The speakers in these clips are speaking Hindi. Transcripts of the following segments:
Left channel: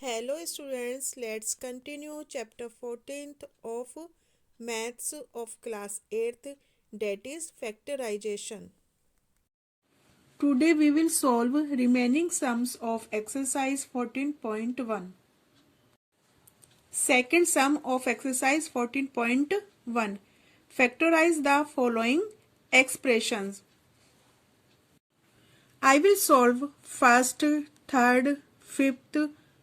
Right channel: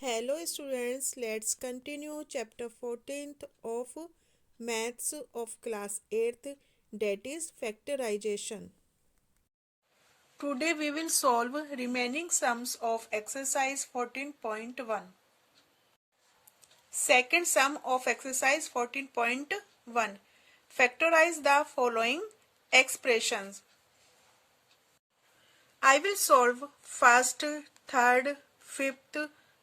Hello students, let's continue chapter 14th of maths of class 8th, that is factorization. Today we will solve remaining sums of exercise 14.1. Second sum of exercise 14.1. Factorize the following expressions. I will solve first, third, fifth,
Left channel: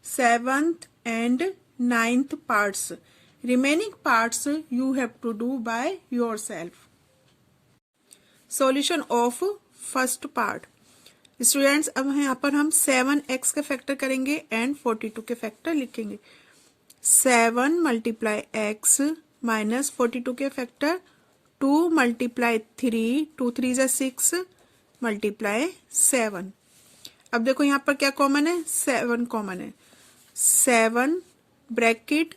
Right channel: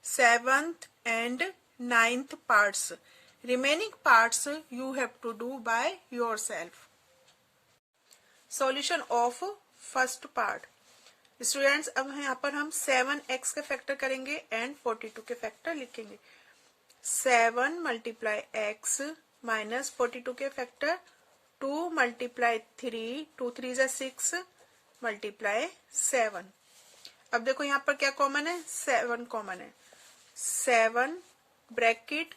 seventh and ninth parts. Remaining parts you have to do by yourself. Solution of first part. Students अब यहाँ पर हम 7x के फैक्टर करेंगे एंड 42 के फैक्टर लिखेंगे. 7 मल्टीप्लाई x माइनस 42 के फैक्टर 2 मल्टीप्लाई 3, 2 3 जा 6 मल्टीप्लाई 7. अब देखो यहाँ पर क्या कॉमन है, 7 कॉमन है. 7 ब्रैकेट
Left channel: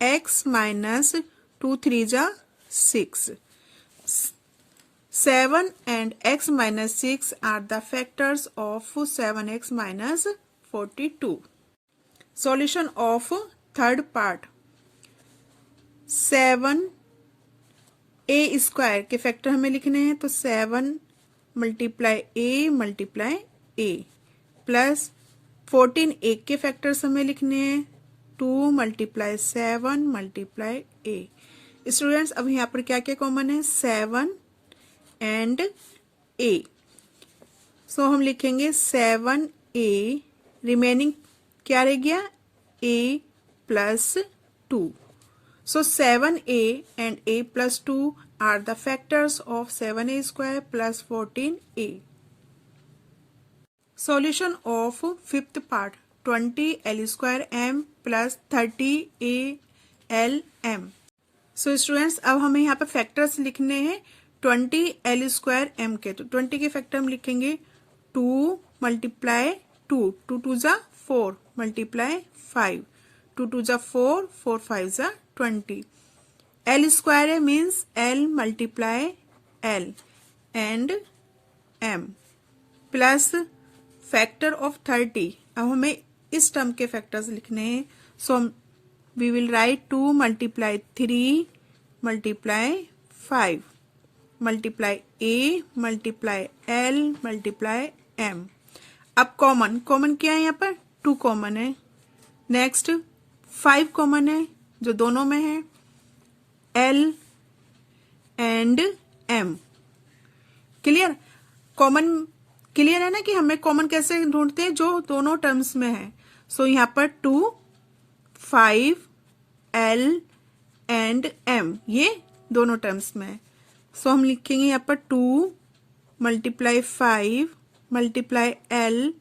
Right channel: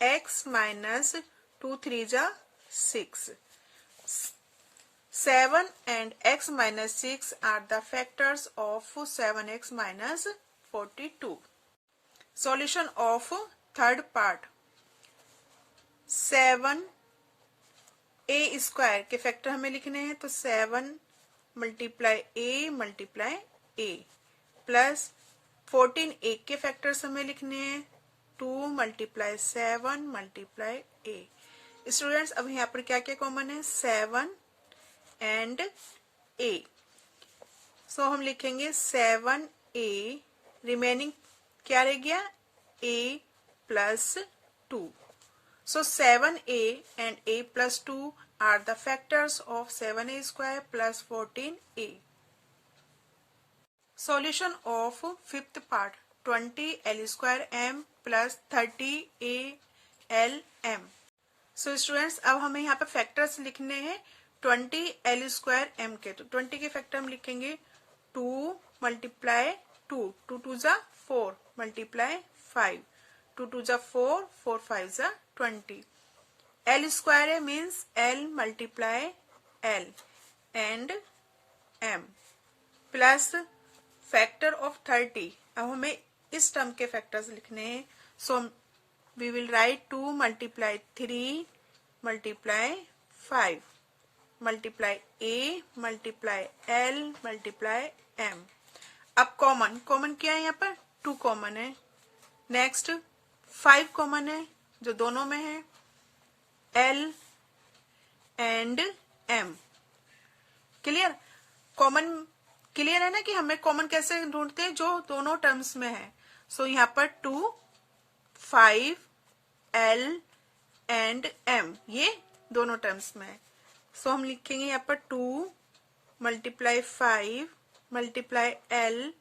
x माइनस 2 3 जा 6. 7 and x minus 6 are the factors of 7x minus 42. Solution of third part. 7 a square के फैक्टर हमें लिखने हैं, तो 7 मल्टीप्लाई a प्लस 14 a के फैक्टर्स हमें लिखने हैं, 2 मल्टीप्लाई 7 मल्टीप्लाई a. स्टूडेंट्स अब यहाँ पर क्या क्या कॉमन है, 7 एंड a. सो हम लिखेंगे 7a, रिमेनिंग क्या रह गया, a plus 2. So 7a and a plus 2 are the factors of 7a square plus 14a. Solution of fifth part. 20l square m plus 30a l m. So students अब हमें यहाँ पर फैक्टर्स लिखने हैं 20l स्क्वायर m के. तो 20 के फैक्टर हम लिखेंगे 2 मल्टीप्लाई 2, 2 2 जा 4 मल्टीप्लाई 5, 2 2 जा 4, 4 5 जा 20. l स्क्वायर है means l multiply l and m plus factor of 30. अब हमें इस टर्म के फैक्टर्स लिखने हैं, so we will write 2 multiply 3 multiply 5 multiply a multiply l multiply m. अब कॉमन क्या है, यहाँ पर 2 कॉमन है. नेक्स्ट 5 कॉमन है जो दोनों में है, l and m. Clear, common clear है ना कि हमें कॉमन कैसे ढूंढते हैं, जो दोनों टर्म्स में है. सो यहाँ पर 2 5 l एंड m ये दोनों टर्म्स में है. सो हम लिखेंगे यहाँ पर 2 multiply 5 multiply l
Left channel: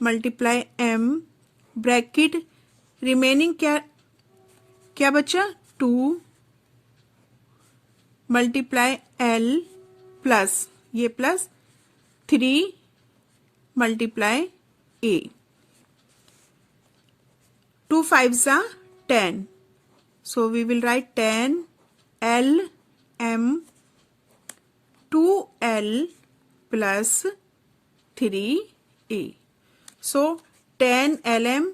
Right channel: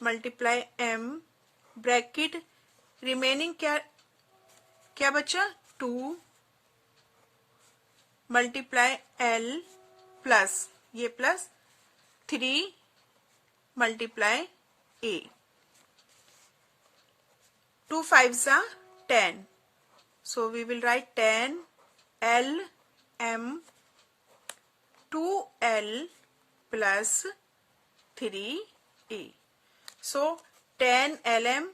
multiply m bracket remaining क्या बचा, 2 मल्टीप्लाई l प्लस ये प्लस 3 मल्टीप्लाई a. 2 5 जा 10. So we will write 10 l m 2l plus 3a. So 10 lm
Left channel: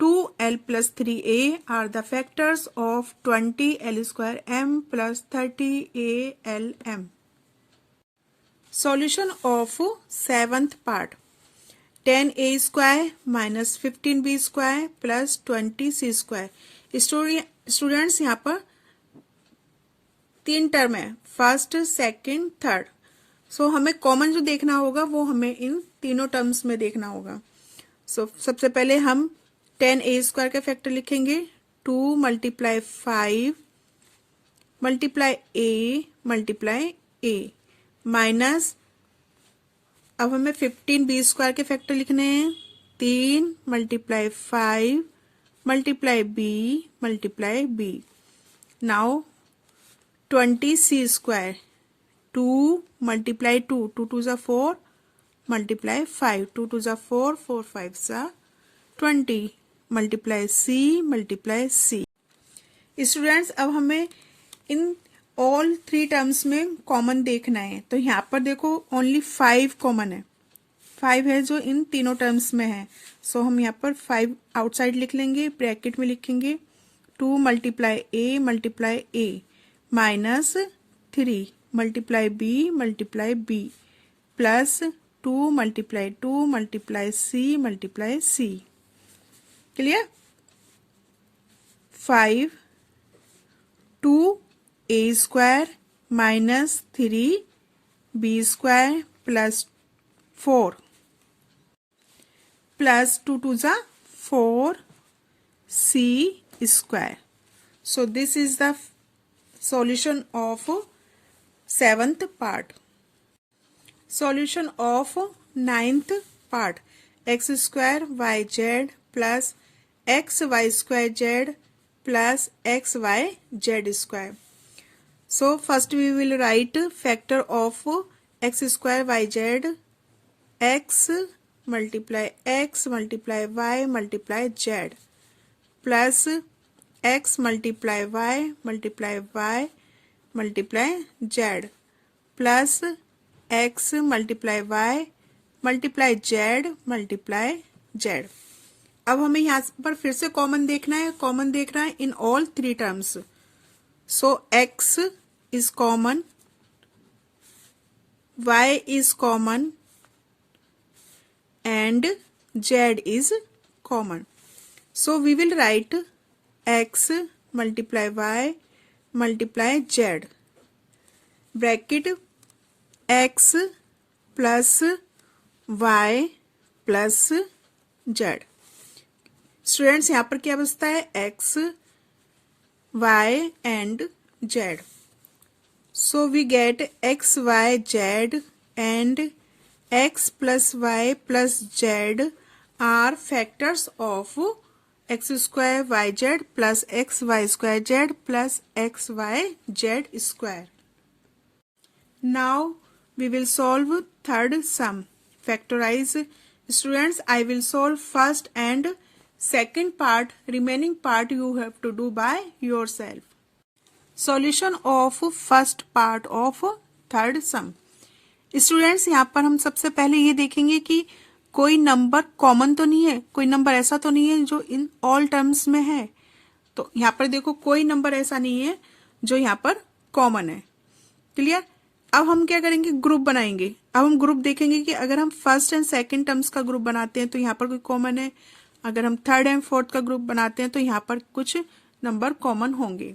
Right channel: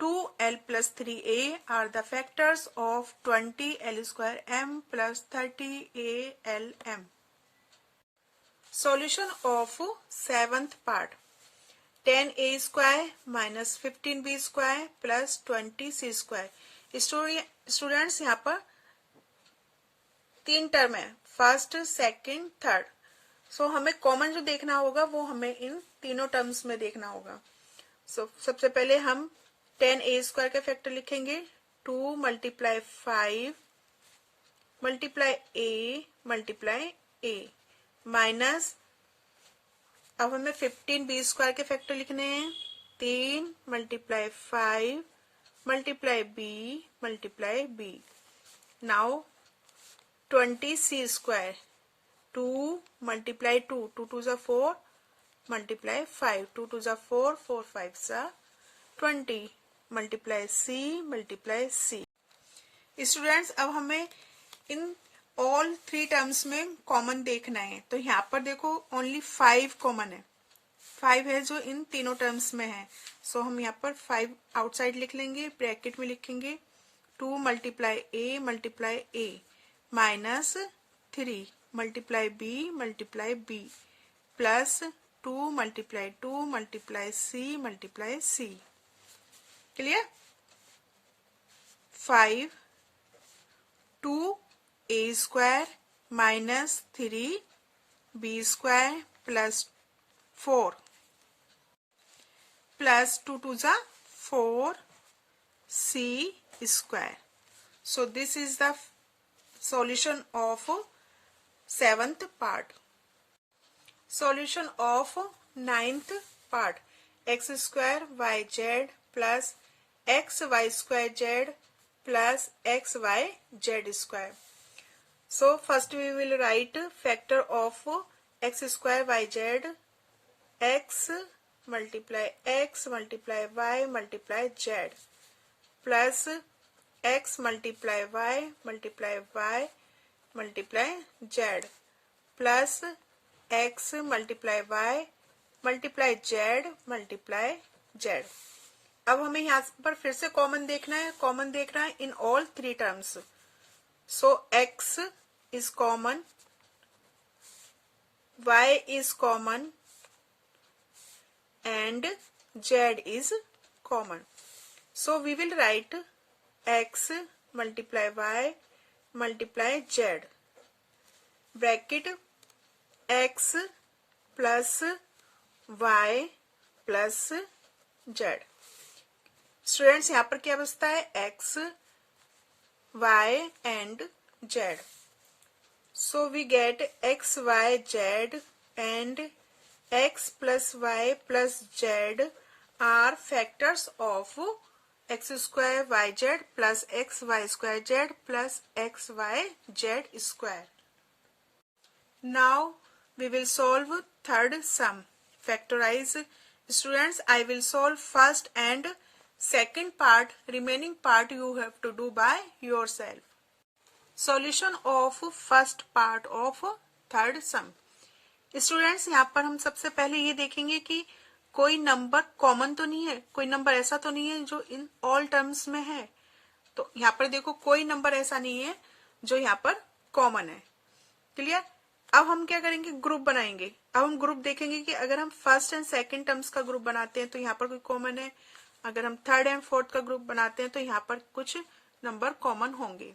2l plus 3a are the factors of 20l square m plus 30a lm. Solution of seventh part. 10a square minus 15b square plus 20c square. Students यहाँ पर 3 टर्म है, फर्स्ट सेकंड थर्ड. सो हमें कॉमन जो देखना होगा वो हमें इन तीनों टर्म्स में देखना होगा. सो सबसे पहले हम 10a स्क्वायर का फैक्टर लिखेंगे, 2 मल्टीप्लाई 5 मल्टीप्लाई a माइनस, अब हमें 15b स्क्वायर के फैक्टर लिखने हैं, 3 multiply 5 multiply b. Now 20c square, 2 multiply 2, 2 2 जा 4 मल्टीप्लाई 5, 2 2 जा 4, 4 5 जा 20 मल्टीप्लाई c. स्टूडेंट्स अब हमें इन ऑल 3 टर्म्स में कॉमन देखना है. तो यहाँ पर देखो ओनली 5 कॉमन है, 5 है जो इन तीनों टर्म्स में है। सो हम यहाँ पर 5 आउटसाइड लिख लेंगे, ब्रैकेट में लिखेंगे 2 multiply A minus 3 multiply B plus 2 multiply C. Clear? 5 2a² minus 3b² plus 4 plus 2 2 जा 4c². So this is the solution of 7th part. Solution of 9th part. x² yz plus xy² plus xyz². So first we will write factor of x² yz, x multiply y multiply z plus x multiply y multiply z plus x multiply y multiply z. अब हमें यहाँ पर फिर से कॉमन देखना है in all 3 terms. So x is common, y is common and z is common. So we will write x multiply y multiply z bracket x plus y plus z. Students यहाँ पर क्या बचता है? x, y and z. So we get x, y, z and x plus y plus z are factors of x square yz plus x y square z plus x y z square. Now we will solve third sum. Factorize. Students, I will solve first and second part. Remaining part you have to do by yourself. Solution of first part of third sum. Students यहाँ पर हम सबसे पहले ये देखेंगे कि कोई नंबर कॉमन तो नहीं है, कोई नंबर ऐसा तो नहीं है जो इन ऑल टर्म्स में है. तो यहाँ पर देखो कोई नंबर ऐसा नहीं है जो यहाँ पर कॉमन है. क्लियर? अब हम क्या करेंगे? ग्रुप बनाएंगे. अब हम ग्रुप देखेंगे कि अगर हम फर्स्ट एंड सेकंड टर्म्स का ग्रुप बनाते हैं तो यहाँ पर कोई कॉमन है. अगर हम थर्ड एंड फोर्थ का ग्रुप बनाते हैं तो यहाँ पर कुछ नंबर कॉमन होंगे.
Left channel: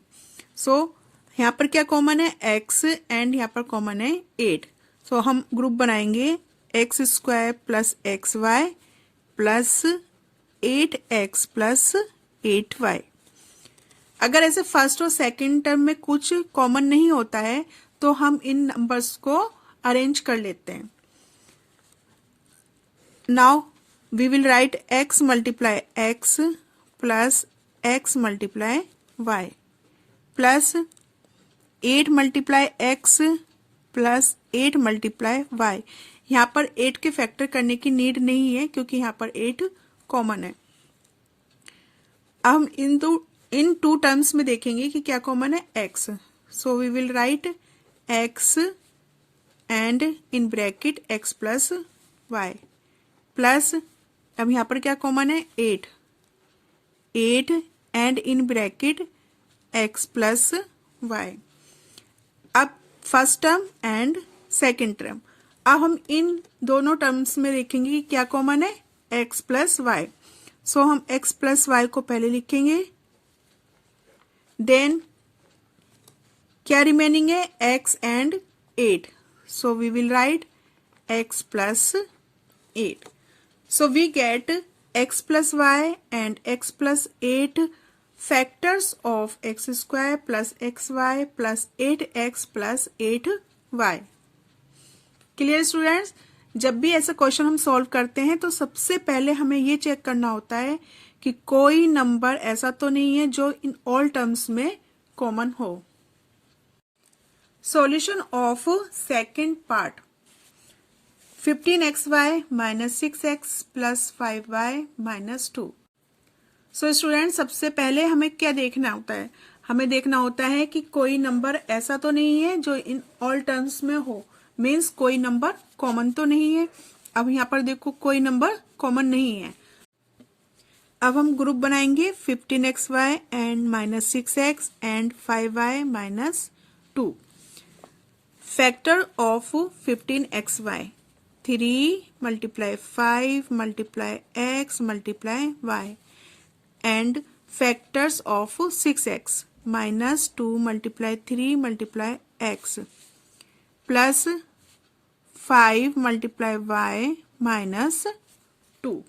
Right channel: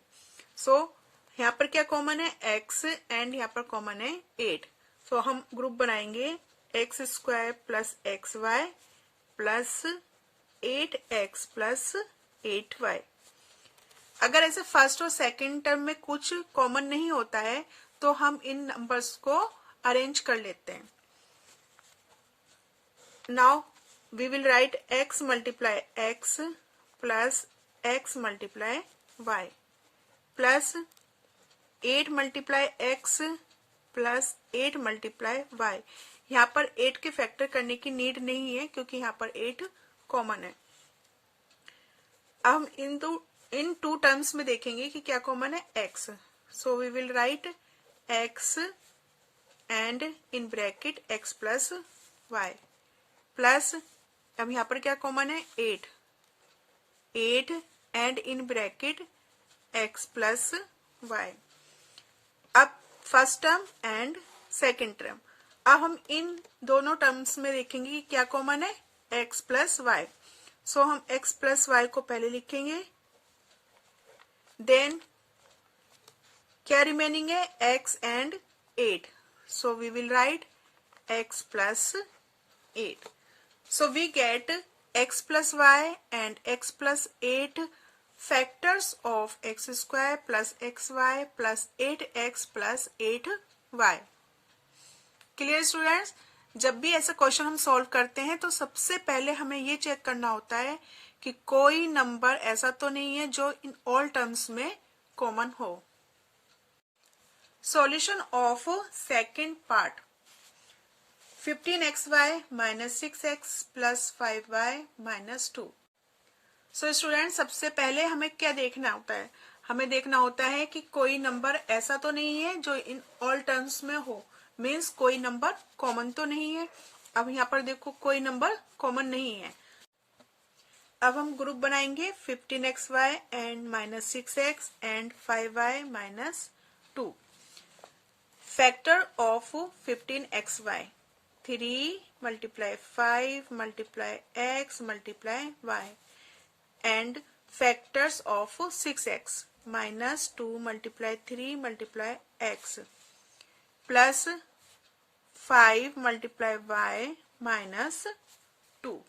सो यहाँ पर क्या कॉमन है? x एंड यहाँ पर कॉमन है 8. सो हम ग्रुप बनाएंगे x² plus xy plus 8x plus 8y. अगर ऐसे फर्स्ट और सेकंड टर्म में कुछ कॉमन नहीं होता है तो हम इन नंबर्स को अरेंज कर लेते हैं. Now we will write x multiply x plus x multiply y plus 8 multiply x plus 8 multiply y. यहाँ पर 8 के फैक्टर करने की नीड नहीं है क्योंकि यहाँ पर 8 कॉमन है. अब हम इन टू टर्म्स में देखेंगे कि क्या कॉमन है? x. So we will write x and in bracket x plus y plus अब यहाँ पर क्या कॉमन है? 8 and in bracket x plus y. अब first term and second term. अब हम इन दोनों टर्म्स में देखेंगे कि क्या कॉमन है? x plus Y. सो हम x प्लस वाई को पहले लिखेंगे. देन क्या रिमेनिंग है? x and 8. So we will write x plus 8. So we get x plus y and x plus 8 factors of x square plus xy plus 8x plus 8y. Clear students? जब भी ऐसा क्वेश्चन हम सॉल्व करते हैं तो सबसे पहले हमें ये चेक करना होता है कि कोई नंबर ऐसा तो नहीं है जो इन ऑल टर्म्स में कॉमन हो. Solution of second part. 15xy minus 6x plus 5y minus 2. So student सबसे पहले हमें क्या देखना होता है? हमें देखना होता है कि कोई नंबर ऐसा तो नहीं है जो इन ऑल टर्म्स में हो. मीन्स कोई नंबर कॉमन तो नहीं है. अब यहाँ पर देखो कोई नंबर कॉमन नहीं है। अब हम ग्रुप बनाएंगे 15xy and -6x and 5y -2। Factor of 15xy 3 × 5 × x × y and factors of 6x -2 × 3 × x plus 5 × y -2।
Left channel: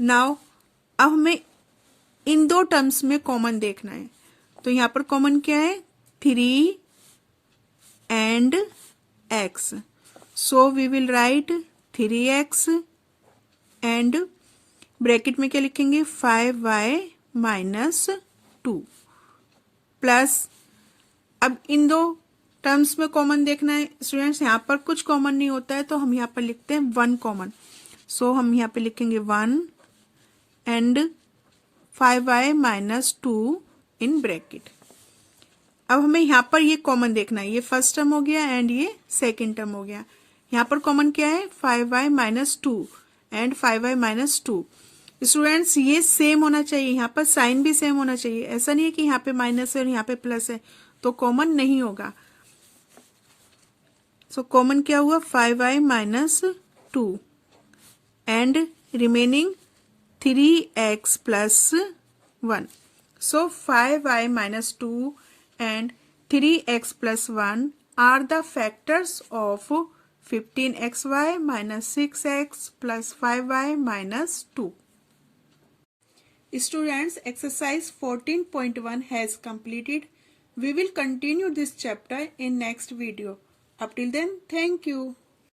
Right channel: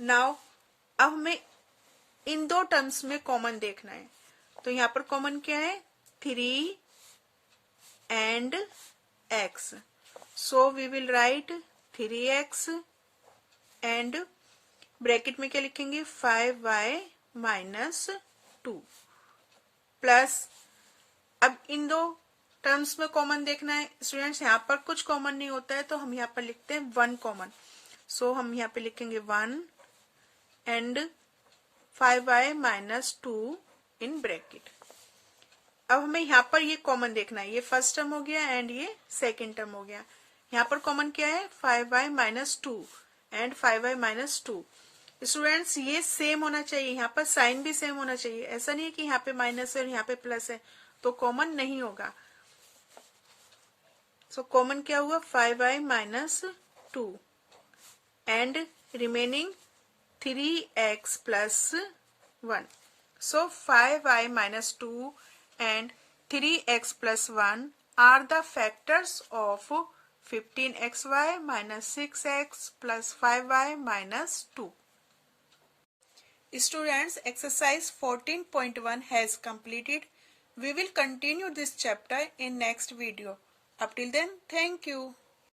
Now अब हमें इन दो टर्म्स में कॉमन देखना है। तो यहाँ पर कॉमन क्या है? 3 and x। So we will write 3x and bracket में क्या लिखेंगे? 5y -2 प्लस, अब इन दो टर्म्स में कॉमन देखना है स्टूडेंट्स। यहाँ पर कुछ कॉमन नहीं होता है तो हम यहाँ पर लिखते हैं 1 कॉमन। सो हम यहाँ पे लिखेंगे 1 एंड 5y -2 इन ब्रैकेट। अब हमें यहाँ पर ये कॉमन देखना है। ये फर्स्ट टर्म हो गया एंड ये सेकेंड टर्म हो गया। यहाँ पर कॉमन क्या है? 5y -2 and 5y -2। स्टूडेंट्स ये सेम होना चाहिए, यहाँ पर साइन भी सेम होना चाहिए। ऐसा नहीं है कि यहाँ पे माइनस है और यहाँ पे प्लस है तो कॉमन नहीं होगा। सो कॉमन क्या हुआ? 5y -2 and remaining 3x + 1। So 5y -2 and 3x + 1 are the factors of 15xy -6x + 5y -2। Students, exercise 14.1 has completed. We will continue this chapter in next video. Up till then, thank you.